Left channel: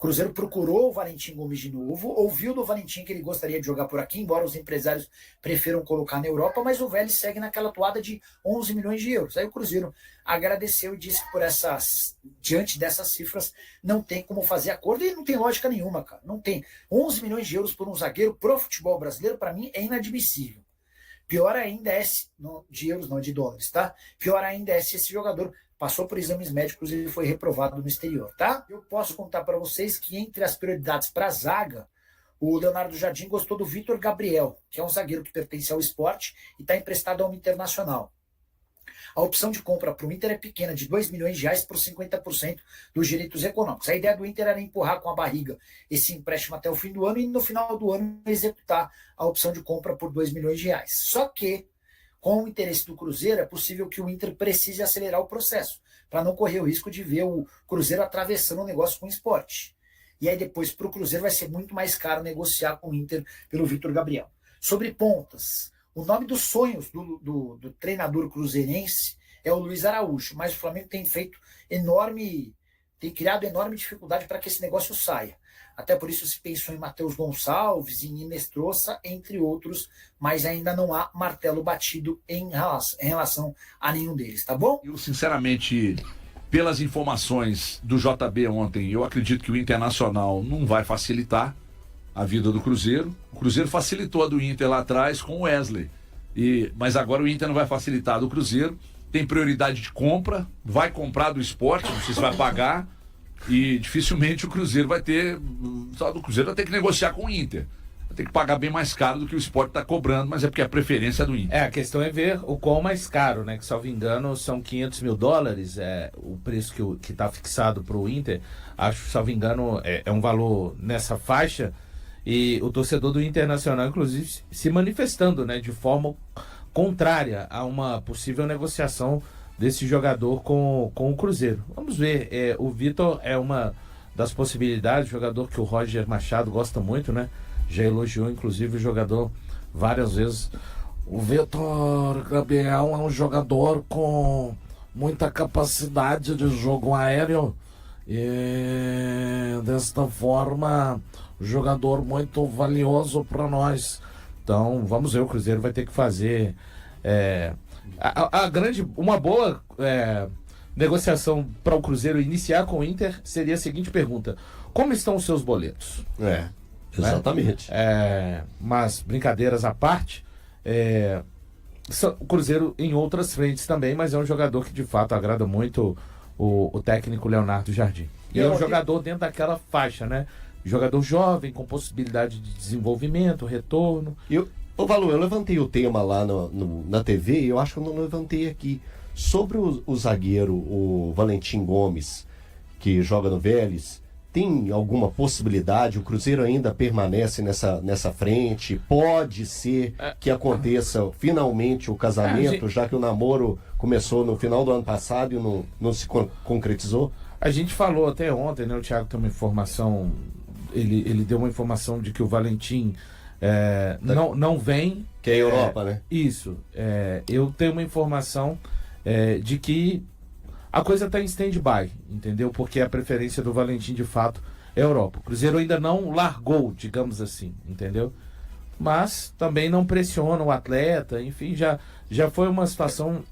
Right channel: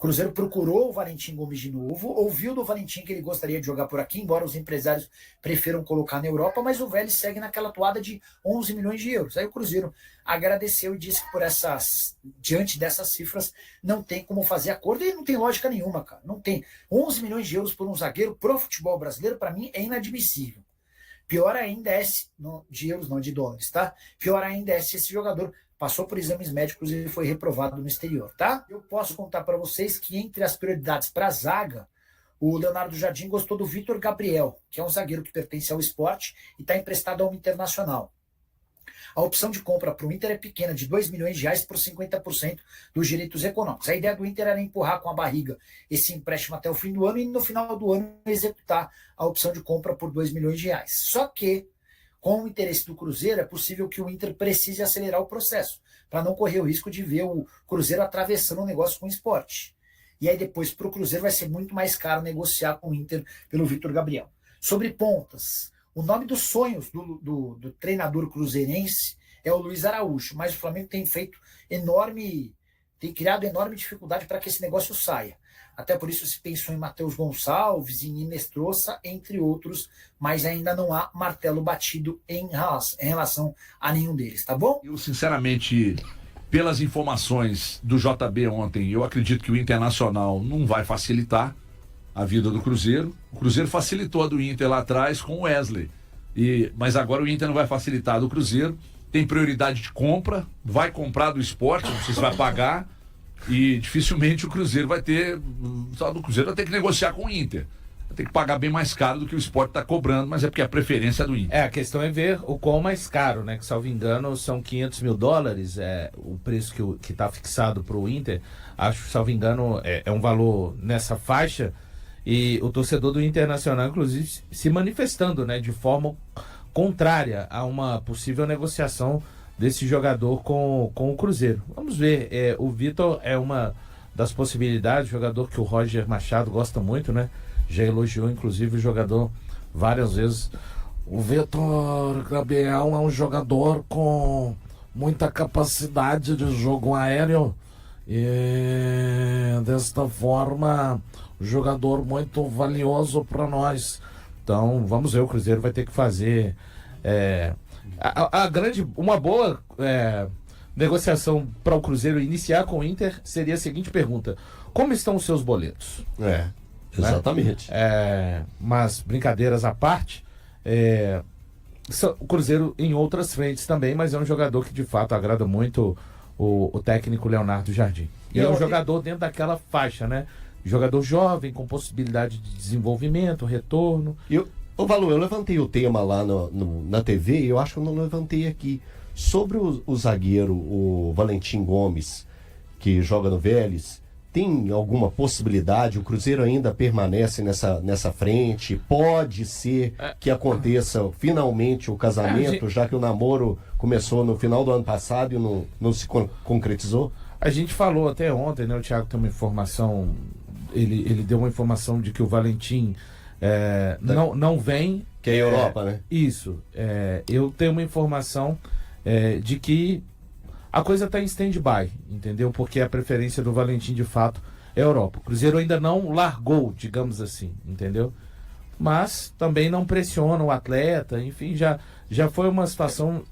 Cruzeiro procurou o Valentim Gomes de novo, ouviu do Valentim que ele gostaria de jogar por aqui, embora os empresários prefiram colocar na Europa, mas o Vélez segue naquela toada de 11 milhões de euros. Aí o Cruzeiro agradeceu e disse que diante dessas cifras não tem como fazer acordo, e não tem lógica nenhuma, cara. Não tem. 11 milhões de euros por um zagueiro pro futebol brasileiro, para mim, é inadmissível. Pior ainda é, de euros não, de dólares, tá? Pior ainda é se esse jogador passou por exames médicos e foi reprovado no exterior, tá? Eu posso contar para vocês que entre as prioridades para a zaga, o Leonardo Jardim gostou do Vitor Gabriel, que é um zagueiro que pertence ao Sport e está emprestado ao Internacional. A opção de compra para o Inter é pequena, de 2 milhões de reais por 50% dos direitos econômicos. A ideia do Inter era empurrar com a barriga esse empréstimo até o fim do ano e no final do ano executar a opção de compra por 2 milhões de reais. Só que, com o interesse do Cruzeiro, é possível que o Inter precise acelerar o processo, para não correr o risco de ver o Cruzeiro atravessando o negócio com o Sport. E aí depois, para o Cruzeiro, vai ser muito mais caro negociar com o Inter pelo Vitor Gabriel. Sobre pontas, o nome dos sonhos do treinador cruzeirense é o Luiz Araújo, mas o Flamengo tem criado enorme dificuldade para que esse negócio saia. Até por isso se pensou em Matheus Gonçalves, em Inestrosa, entre outros, mas ainda não há martelo batido em relação a nenhum deles, tá bom? Eu, sinceramente, pelas informações do JB ontem, eu acredito que o Internacional não vai facilitar a vida do Cruzeiro. O Cruzeiro facilitou a do Inter lá atrás com o Wesley, mas agora o Inter não vai facilitar a do Cruzeiro. Tem prioridade de compra, vai comprar do Sport, não sei se vai pagar, e dificilmente o Cruzeiro vai ter, só do Cruzeiro vai ter que negociar com o Inter. Vai ter que pagar bem mais caro do que o Sport está cobrando, mas é porque a preferência é do Inter. A questão é ver o qual mais caro, né? Que, salvo engano, são $500 mil, o preço que está fixado para o Inter. Acho, salvo engano, é um valor nessa faixa, e o torcedor do Internacional, inclusive, se manifestando, né, de forma contrária a uma possível negociação desse jogador com o Cruzeiro. Vamos ver, o Vitor é uma das possibilidades, jogador que o Roger Machado gosta muito, né? Já elogiou, inclusive, o jogador várias vezes. O Vitor Gabriel é um jogador com muita capacidade de jogo aéreo e, desta forma, jogador muito valioso para nós. Então, vamos ver, o Cruzeiro vai ter que fazer uma boa negociação para o Cruzeiro iniciar com o Inter seria a seguinte pergunta: como estão os seus boletos? Exatamente. Mas, brincadeiras à parte, o Cruzeiro em outras frentes também, mas é um jogador que de fato agrada muito o técnico Leonardo Jardim. E é um jogador dentro daquela faixa, né? Jogador jovem, com possibilidade de desenvolvimento, retorno. Valor, eu levantei o tema lá na TV, e eu acho que eu não levantei aqui. Sobre o zagueiro, o Valentim Gomes, que joga no Vélez, tem alguma possibilidade? O Cruzeiro ainda permanece nessa frente? Pode ser que aconteça finalmente o casamento, já que o namoro começou no final do ano passado e não se concretizou? A gente falou até ontem, né? O Thiago tem uma informação, ele deu uma informação de que o Valentim não vem. Que é a Europa, né? Isso. Eu tenho uma informação de que a coisa está em stand-by, entendeu? Porque a preferência do Valentim, de fato, é a Europa. O Cruzeiro ainda não largou, digamos assim, entendeu? Mas também não pressiona o atleta, enfim, já foi uma situação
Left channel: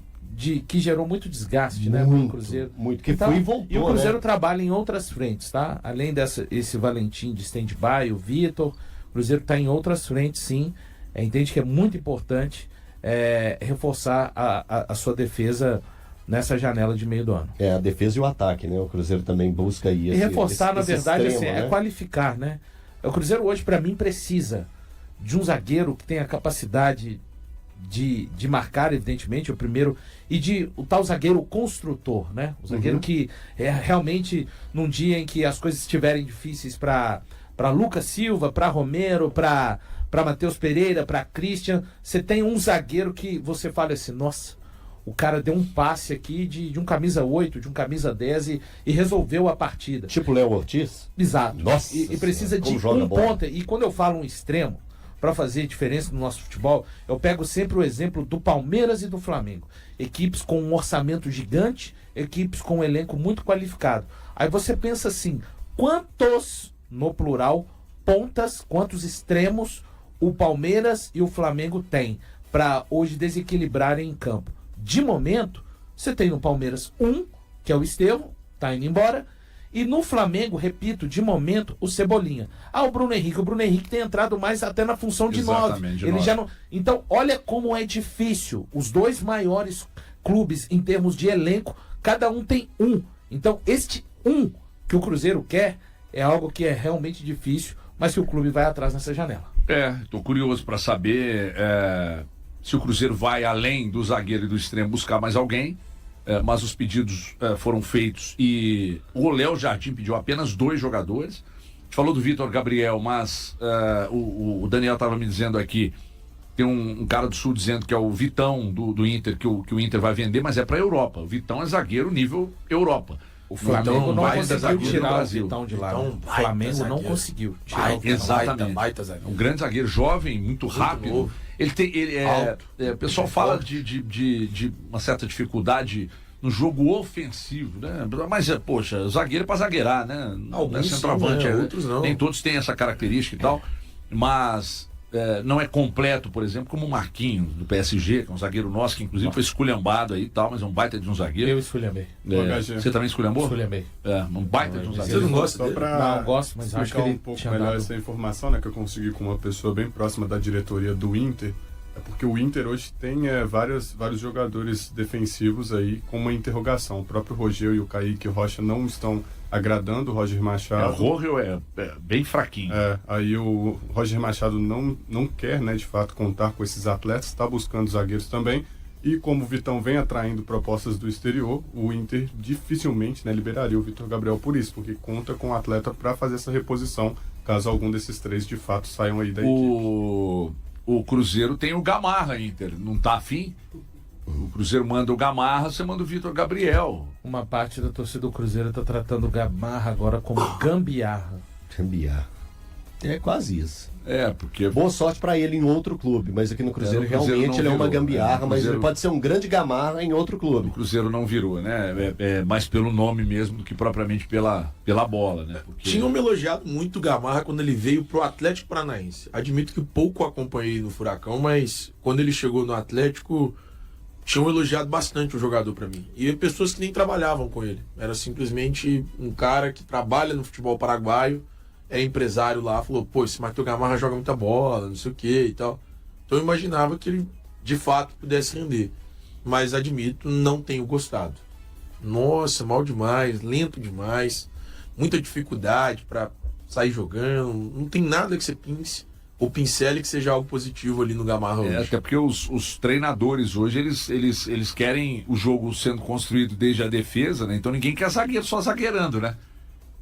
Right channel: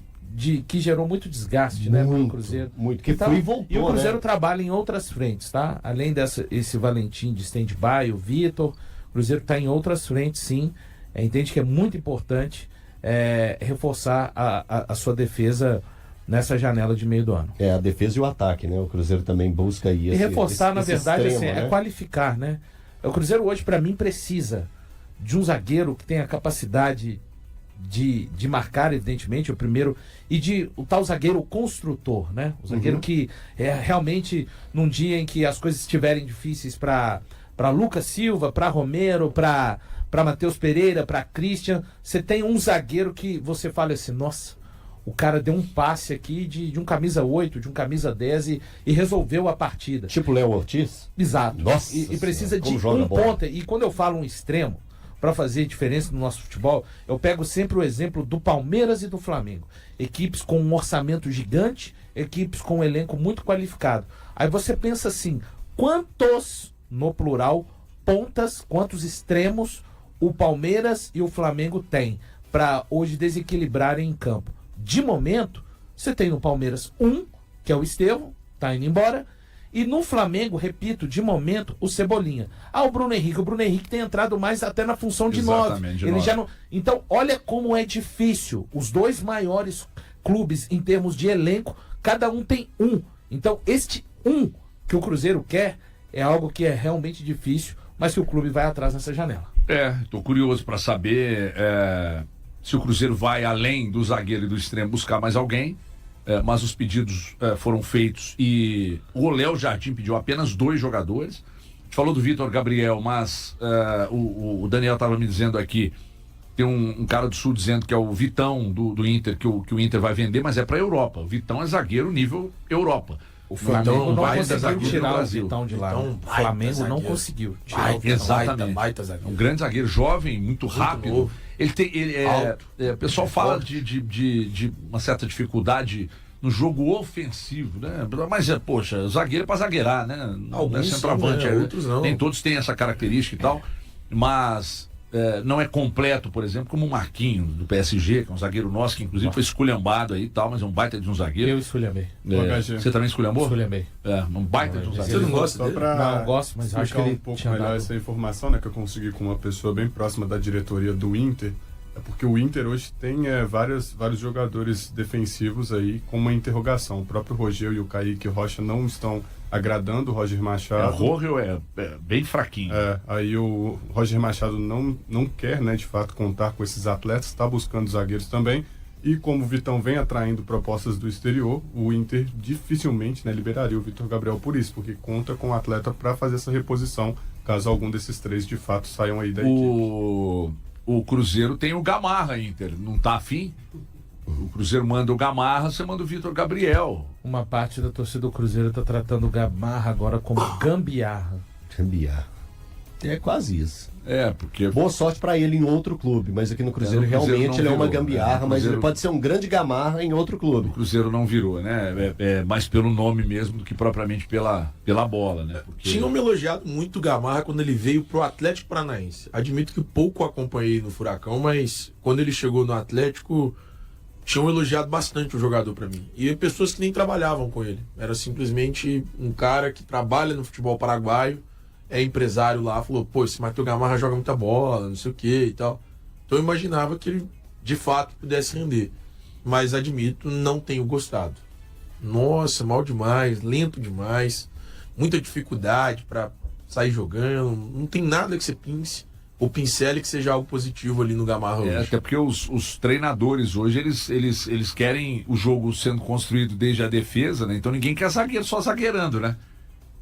que gerou muito desgaste, né, no Cruzeiro. Muito, que foi e voltou, e o Cruzeiro, né, trabalha em outras frentes, tá? Além esse Valentim de stand-by, o Vitor, o Cruzeiro está em outras frentes, sim. Entende que é muito importante reforçar a sua defesa nessa janela de meio do ano. A defesa e o ataque, né? O Cruzeiro também busca aí. E reforçar, na verdade, extremo, assim, né? qualificar, né? O Cruzeiro hoje, para mim, precisa de um zagueiro que tenha capacidade de marcar, evidentemente, o primeiro, e o tal zagueiro construtor, né? O zagueiro que realmente, num dia em que as coisas estiverem difíceis para Lucas Silva, para Romero, para Matheus Pereira, para Christian, você tem um zagueiro que você fala assim, nossa, o cara deu um passe aqui de um camisa 8, de um camisa 10 e resolveu a partida. Tipo Léo Ortiz? Exato. Nossa, e precisa de um ponta. E quando eu falo um extremo, para fazer diferença no nosso futebol, eu pego sempre o exemplo do Palmeiras e do Flamengo. Equipes com um orçamento gigante, equipes com um elenco muito qualificado. Aí você pensa assim, quantos, no plural, pontas, quantos extremos o Palmeiras e o Flamengo têm para hoje desequilibrarem em campo. De momento, você tem no Palmeiras que é o Estevão, tá indo embora, e no Flamengo, repito, de momento, o Cebolinha. O Bruno Henrique tem entrado mais até na função de 9. Ele já não. Então, olha como é difícil. Os dois maiores clubes em termos de elenco, cada um tem um. Então, este que o Cruzeiro quer é algo que é realmente difícil, mas que o clube vai atrás nessa janela. Estou curioso para saber se o Cruzeiro vai além do zagueiro e do extremo buscar mais alguém. Mas os pedidos foram feitos e o Léo Jardim pediu apenas 2 jogadores. A gente falou do Vitor Gabriel, mas o Daniel estava me dizendo aqui, tem um cara do Sul dizendo que é o Vitão do Inter, que o Inter vai vender, mas é para a Europa. O Vitão é zagueiro nível Europa. O Flamengo não vai conseguiu tirar o Brasil. Vitão de lá. O Flamengo não conseguiu tirar o Vitão. Exatamente. Um grande zagueiro, jovem, muito rápido. Novo. O pessoal fala de uma certa dificuldade no jogo ofensivo, né? Mas, poxa, o zagueiro é pra zagueirar, né? Alguns é centroavante, sim, né? Outros não. Nem todos têm essa característica e tal, mas não é completo, por exemplo, como o Marquinhos, do PSG, que é um zagueiro nosso, que inclusive foi esculhambado aí e tal, mas é um baita de um zagueiro. Eu esculhambei. Você também esculhambou? Esculhambei. Um baita de um Você zagueiro. não gosta dele? Não, gosto, mas acho que ele um pouco tinha melhor dado... essa informação, né, que eu consegui com uma pessoa bem próxima da diretoria do Inter. É porque o Inter hoje tem vários jogadores defensivos aí com uma interrogação. O próprio Rogério e o Kaique Rocha não estão agradando o Roger Machado. O Rogério é bem fraquinho. Aí o Roger Machado não quer, né, de fato, contar com esses atletas, está buscando zagueiros também. E como o Vitão vem atraindo propostas do exterior, o Inter dificilmente, né, liberaria o Vitor Gabriel por isso, porque conta com o atleta para fazer essa reposição, caso algum desses 3 de fato saiam aí da equipe. O Cruzeiro tem o Gamarra, Inter. Não tá afim? O Cruzeiro manda o Gamarra, você manda o Vitor Gabriel. Uma parte da torcida do Cruzeiro tá tratando o Gamarra agora como gambiarra. Gambiarra. É quase isso. Porque... Boa sorte pra ele em outro clube, mas aqui no Cruzeiro, no Cruzeiro realmente ele é uma virou, gambiarra, mas Cruzeiro... ele pode ser um grande gamarra em outro clube. O Cruzeiro não virou, né? É mais pelo nome mesmo do que propriamente pela bola, né? Porque... Tinham me elogiado muito o Gamarra quando ele veio pro Atlético Paranaense. Admito que pouco acompanhei no Furacão, mas quando ele chegou no Atlético, tinham elogiado bastante o jogador pra mim. E pessoas que nem trabalhavam com ele. Era simplesmente um cara que trabalha no futebol paraguaio, é empresário lá, falou, pô, esse Matheus Gamarra joga muita bola, não sei o que e tal. Então eu imaginava que ele, de fato, pudesse render. Mas admito, não tenho gostado. Nossa, mal demais, lento demais, muita dificuldade para sair jogando, não tem nada que você pince ou pincele que seja algo positivo ali no Gamarra hoje. Até porque os treinadores hoje, eles querem o jogo sendo construído desde a defesa, né? Então ninguém quer zagueiro só zagueirando, né?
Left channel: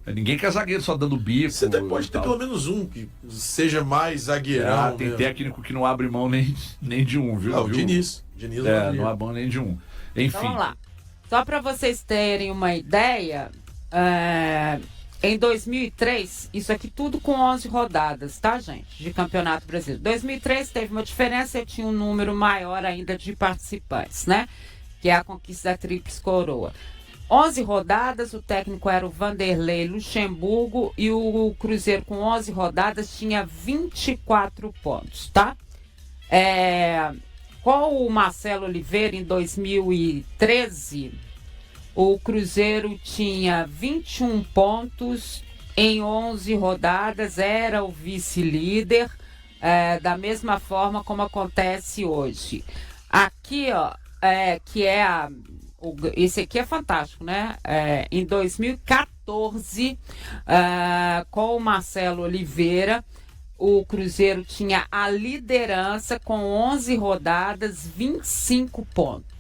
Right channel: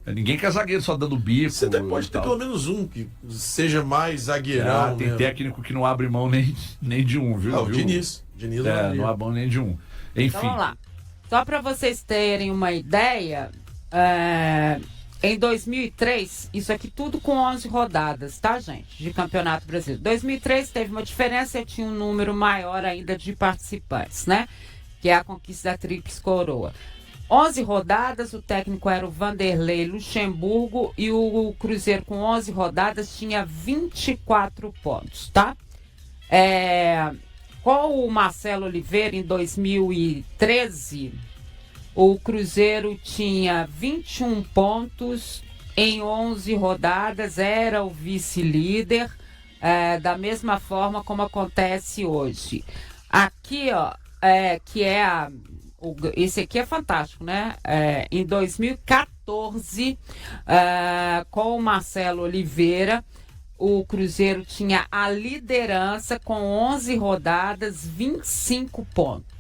Ninguém quer zagueiro só dando bico. Você até pode ter pelo menos um que seja mais zagueirão. Tem técnico que não abre mão nem de um, viu? O Diniz. Diniz não abre mão nem de um. Enfim. Então vamos lá. Só para vocês terem uma ideia, em 2003, isso aqui tudo com 11 rodadas, tá, gente? De Campeonato Brasileiro. 2003 teve uma diferença, eu tinha um número maior ainda de participantes, né? Que é a conquista da Tríplice Coroa. 11 rodadas, o técnico era o Vanderlei Luxemburgo e o Cruzeiro com 11 rodadas tinha 24 pontos, tá? Com o Marcelo Oliveira em 2013, o Cruzeiro tinha 21 pontos em 11 rodadas, era o vice-líder, da mesma forma como acontece hoje. Aqui, ó, que é esse aqui é fantástico, né? Em 2014, com o Marcelo Oliveira, o Cruzeiro tinha a liderança com 11 rodadas, 25 pontos.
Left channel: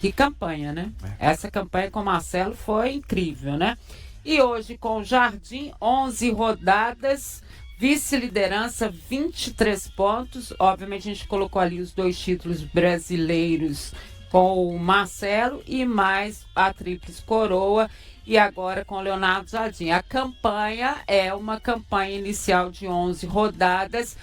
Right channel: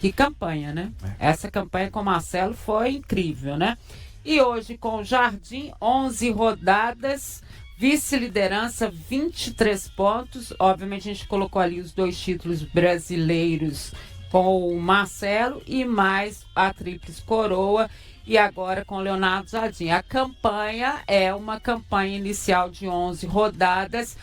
Que campanha, né? Essa campanha com o Marcelo foi incrível, né? E hoje com o Jardim, 11 rodadas, vice-liderança, 23 pontos. Obviamente a gente colocou ali os 2 títulos brasileiros com o Marcelo e mais a Tríplice Coroa e agora com o Leonardo Jardim. A campanha é uma campanha inicial de 11 rodadas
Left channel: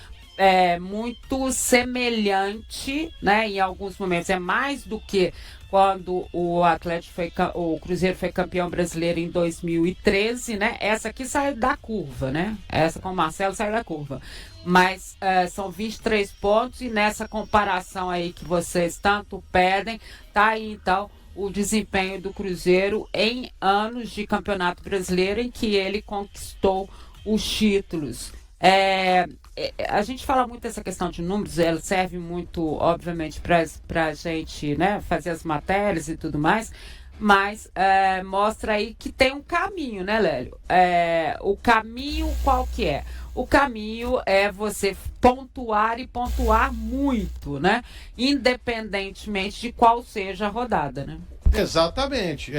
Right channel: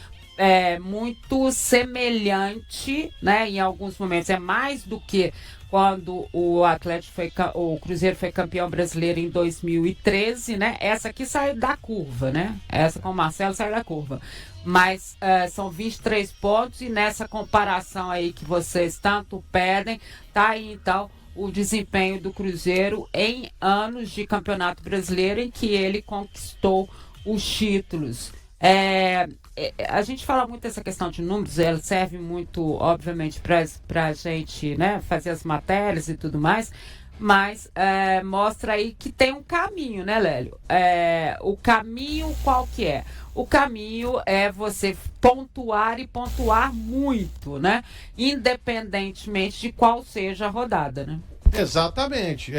muito semelhante, né? Em alguns momentos é mais do que quando o Cruzeiro foi campeão brasileiro em 2013, né? Essa aqui saiu da curva, né? Essa com o Marcelo saiu da curva. Mas são 23 pontos e nessa comparação aí que vocês tanto pedem, tá aí então o desempenho do Cruzeiro em anos de Campeonato Brasileiro em que ele conquistou os títulos. A gente fala muito dessa questão de números, ela serve muito, obviamente, para a gente, né, fazer as matérias e tudo mais, mas mostra aí que tem um caminho, né, Lélio? O caminho qual que é? O caminho é você pontuar e pontuar muito, né? Independentemente de qual seja a rodada, né? Exatamente.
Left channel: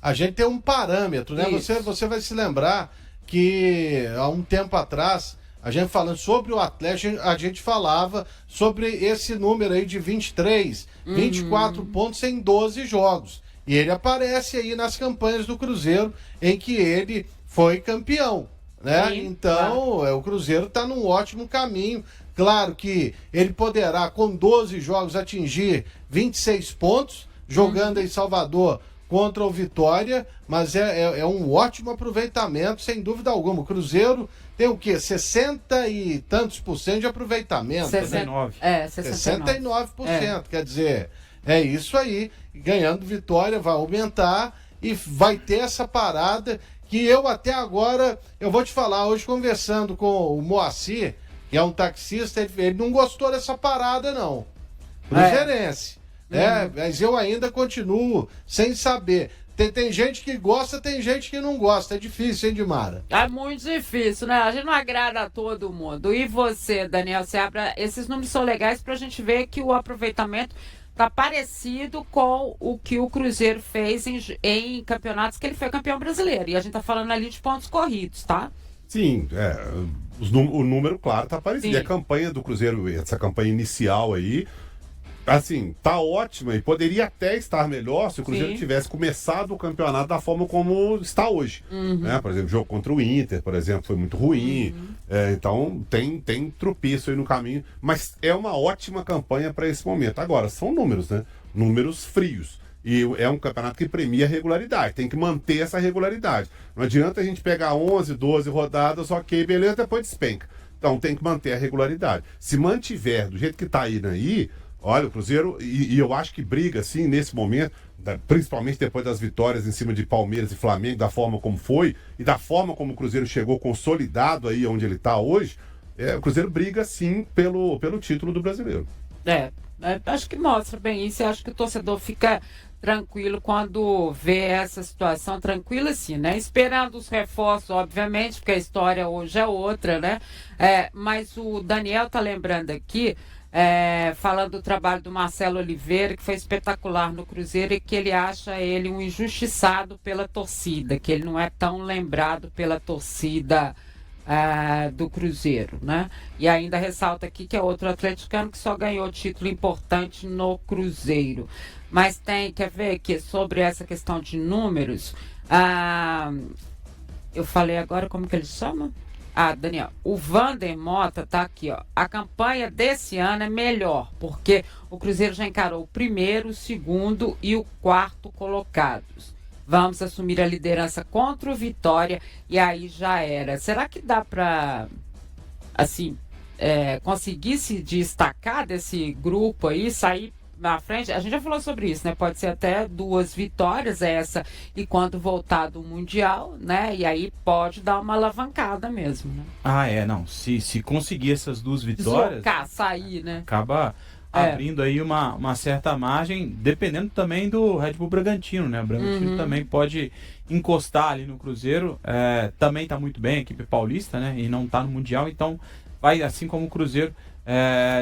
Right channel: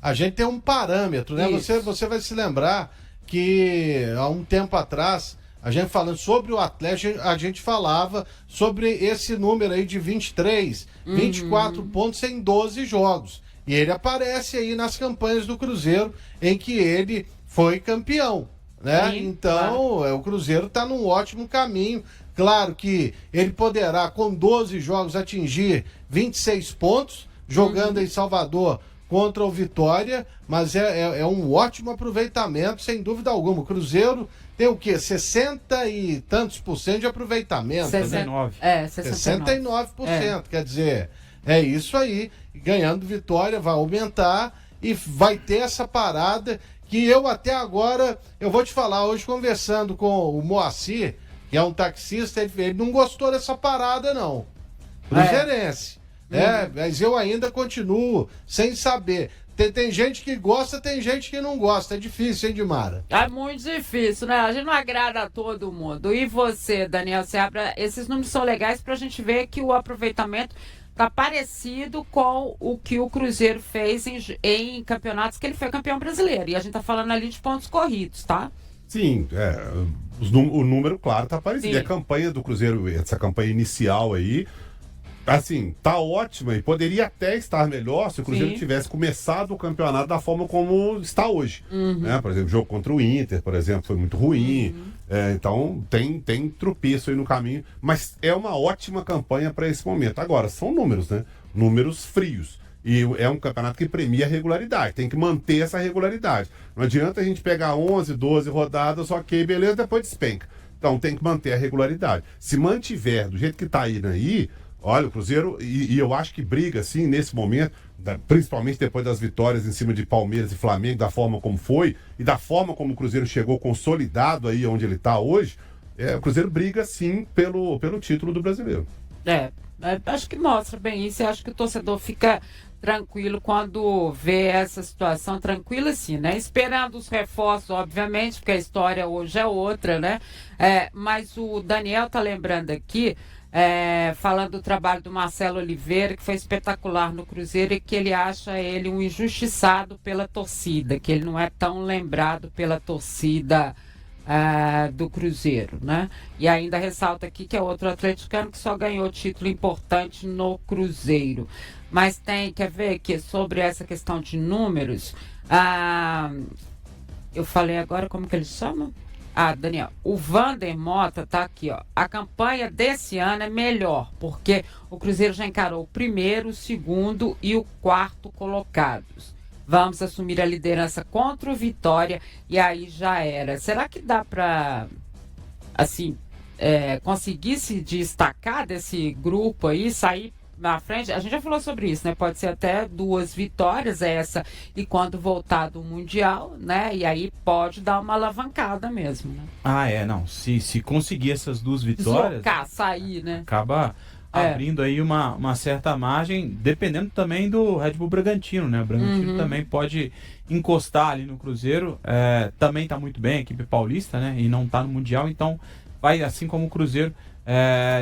A gente tem um parâmetro, né? Você vai se lembrar que há um tempo atrás, a gente falando sobre o Atlético, a gente falava sobre esse número aí de 23, 24 pontos em 12 jogos. E ele aparece aí nas campanhas do Cruzeiro em que ele foi campeão, né? Sim, então, claro. O Cruzeiro está num ótimo caminho. Claro que ele poderá, com 12 jogos, atingir 26 pontos, jogando em Salvador contra o Vitória, mas é um ótimo aproveitamento, sem dúvida alguma. O Cruzeiro tem o quê? 60 e tantos % de aproveitamento. 69. Né? 69%. Quer dizer, é isso aí. Ganhando Vitória vai aumentar e vai ter essa parada que eu até agora, eu vou te falar, hoje conversando com o Moacir, que é um taxista, ele não gostou dessa parada não. Cruzeirense. Mas eu ainda continuo sem saber. Tem gente que gosta, tem gente que não gosta. É difícil, hein, Dimara? É muito difícil, né? A gente não agrada a todo mundo. E você, Daniel Seabra, esses números são legais pra gente ver que o aproveitamento tá parecido com o que o Cruzeiro fez em campeonatos que ele foi campeão brasileiro. E a gente tá falando ali de pontos corridos, tá? Sim, o número, claro, tá parecido. Sim. E a campanha do Cruzeiro, essa campanha inicial aí, assim, tá ótima e poderia até estar melhor se o Cruzeiro tivesse começado o campeonato da forma como está hoje. Né? Por exemplo, o jogo contra o Inter, por exemplo, foi muito ruim. Então, tem tropeço aí no caminho. Mas é uma ótima campanha para esse momento. Agora, são números, né? Números frios. E é um campeonato que premia a regularidade. Tem que manter essa regularidade. Não adianta a gente pegar 11, 12 rodadas, ok, beleza, depois despenca. Então, tem que manter a regularidade. Se mantiver do jeito que está indo aí, olha, o Cruzeiro, e eu acho que briga, assim, nesse momento, principalmente depois das vitórias em cima de Palmeiras e Flamengo, da forma como foi, e da forma como o Cruzeiro chegou consolidado aí onde ele está hoje, o Cruzeiro briga, sim, pelo título do Brasileiro. Acho que mostra bem isso, e acho que o torcedor fica tranquilo quando vê essa situação, tranquilo assim, né? Esperando os reforços, obviamente, porque a história hoje é outra, né? Mas o Daniel tá lembrando aqui, falando do trabalho do Marcelo Oliveira, que foi espetacular no Cruzeiro e que ele acha ele um injustiçado pela torcida, que ele não é tão lembrado pela torcida do Cruzeiro, né? E ainda ressalta aqui que é outro atleticano que só ganhou título importante no Cruzeiro. Mas quer ver que sobre essa questão de números, eu falei agora como que ele chama? Daniel, o Vander Mota tá aqui, ó. A campanha desse ano é melhor, porque o Cruzeiro já encarou o primeiro, o segundo e o quarto colocados. Vamos assumir a liderança contra o Vitória e aí já era. Será que dá para, assim, conseguir se destacar desse grupo aí, sair na frente? A gente já falou sobre isso, né? Pode ser até 2 vitórias essa e quando voltar do Mundial, né? E aí pode dar uma alavancada mesmo, né? Não. Se conseguir essas 2 vitórias, deslocar, sair, né? Acaba abrindo aí uma certa margem, dependendo também do Red Bull Bragantino, né? O Bragantino também pode encostar ali no Cruzeiro. Também tá muito bem, a equipe paulista, né? E não tá no Mundial, então vai, assim como o Cruzeiro,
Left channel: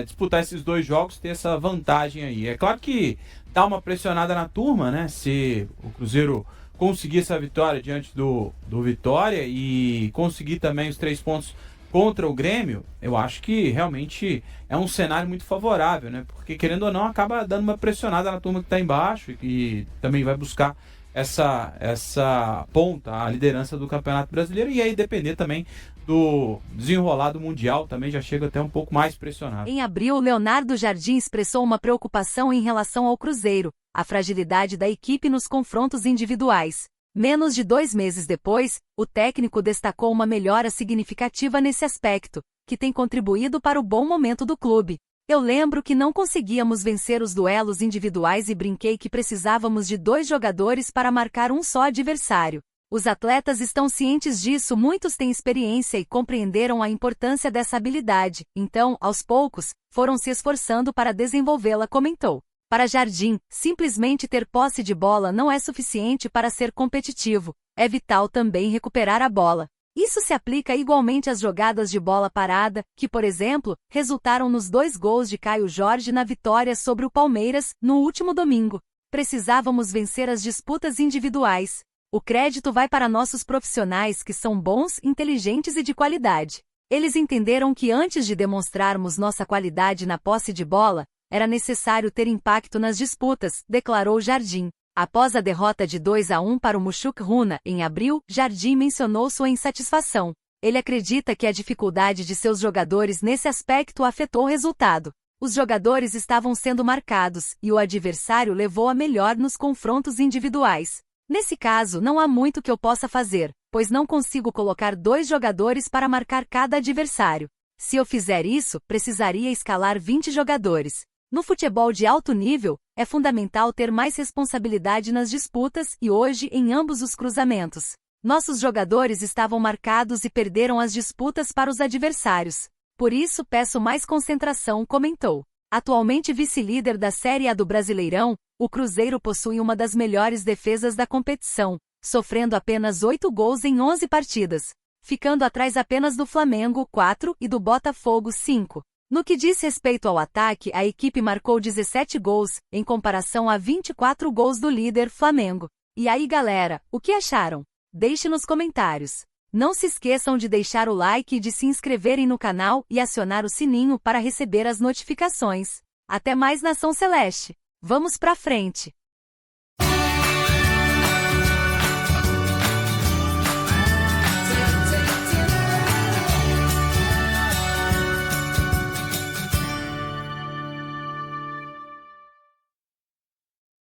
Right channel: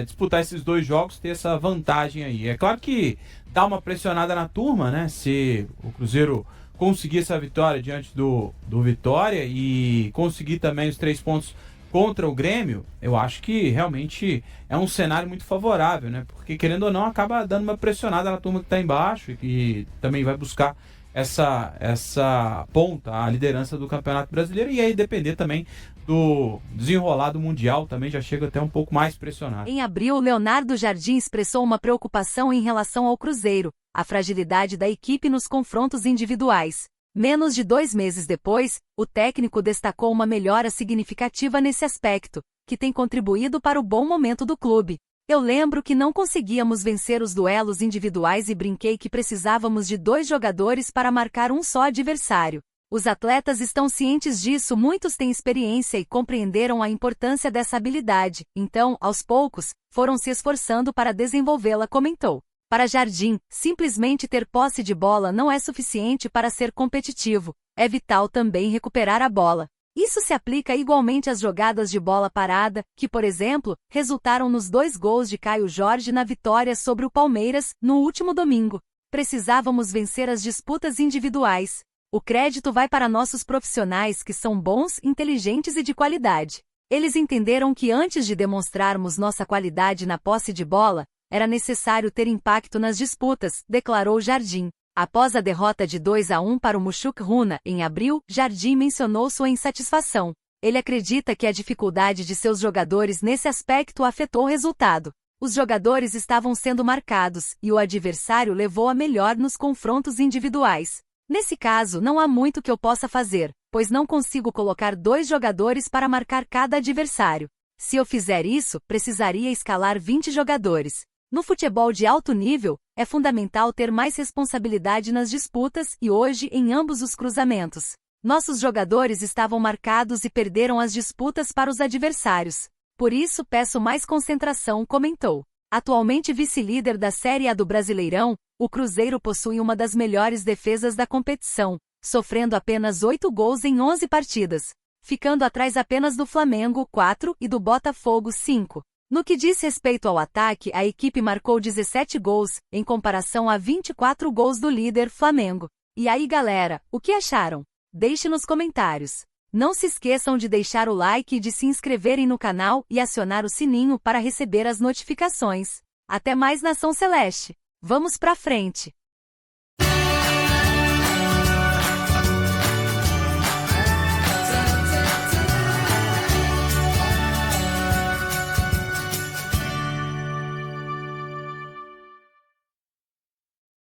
disputar esses 2 jogos, ter essa vantagem aí. É claro que dá uma pressionada na turma, né? Se o Cruzeiro conseguir essa vitória diante do Vitória e conseguir também os 3 pontos contra o Grêmio, eu acho que realmente é um cenário muito favorável, né? Porque, querendo ou não, acaba dando uma pressionada na turma que está embaixo e também vai buscar essa ponta, a liderança do Campeonato Brasileiro, e aí depender também do desenrolar do Mundial, também já chega até um pouco mais pressionado. Em abril, Leonardo Jardim expressou uma preocupação em relação ao Cruzeiro, a fragilidade da equipe nos confrontos individuais. Menos de 2 meses depois, o técnico destacou uma melhora significativa nesse aspecto, que tem contribuído para o bom momento do clube. Eu lembro que não conseguíamos vencer os duelos individuais e brinquei que precisávamos de 2 jogadores para marcar um só adversário. Os atletas estão cientes disso, muitos têm experiência e compreenderam a importância dessa habilidade, então, aos poucos, foram se esforçando para desenvolvê-la, comentou. Para Jardim, simplesmente ter posse de bola não é suficiente para ser competitivo, é vital também recuperar a bola. Isso se aplica igualmente às jogadas de bola parada, que, por exemplo, resultaram nos 2 gols de Caio Jorge na vitória sobre o Palmeiras, no último domingo. Precisávamos vencer as disputas individuais. O crédito vai para nossos profissionais que são bons, inteligentes e de qualidade. Eles entenderam que antes de demonstrarmos nossa qualidade na posse de bola, era necessário ter impacto nas disputas, declarou Jardim. Após a derrota de 2-1 para o Mushuk Runa, em abril, Jardim mencionou sua insatisfação. Ele acredita que a dificuldade de seus jogadores nesse aspecto afetou o resultado. Os jogadores estavam sendo marcados, e o adversário levou a melhor nos confrontos individuais. Nesse caso, não há muito que eu possa fazer, pois não consigo colocar 2 jogadores para marcar cada adversário. Se eu fizer isso, precisaria escalar 20 jogadores. No futebol de alto nível, é fundamental ter mais responsabilidade nas disputas e hoje em ambos os cruzamentos. Nossos jogadores estavam marcados e perderam as disputas para os adversários. Por isso peço mais concentração, comentou. Atualmente vice-líder da Série A do Brasileirão, o Cruzeiro possui uma das melhores defesas da competição, sofrendo apenas 8 gols em 11 partidas, ficando atrás apenas do Flamengo, 4, e do Botafogo, 5. No que diz respeito ao ataque, a equipe marcou 17 gols, em comparação a 24 gols do líder Flamengo. E aí galera, o que acharam? Deixe nos comentários. Não se esqueçam de deixar o like e de se inscreverem no canal e acionar o sininho para receber as notificações. Até mais, Nação Celeste! Vamos pra frente!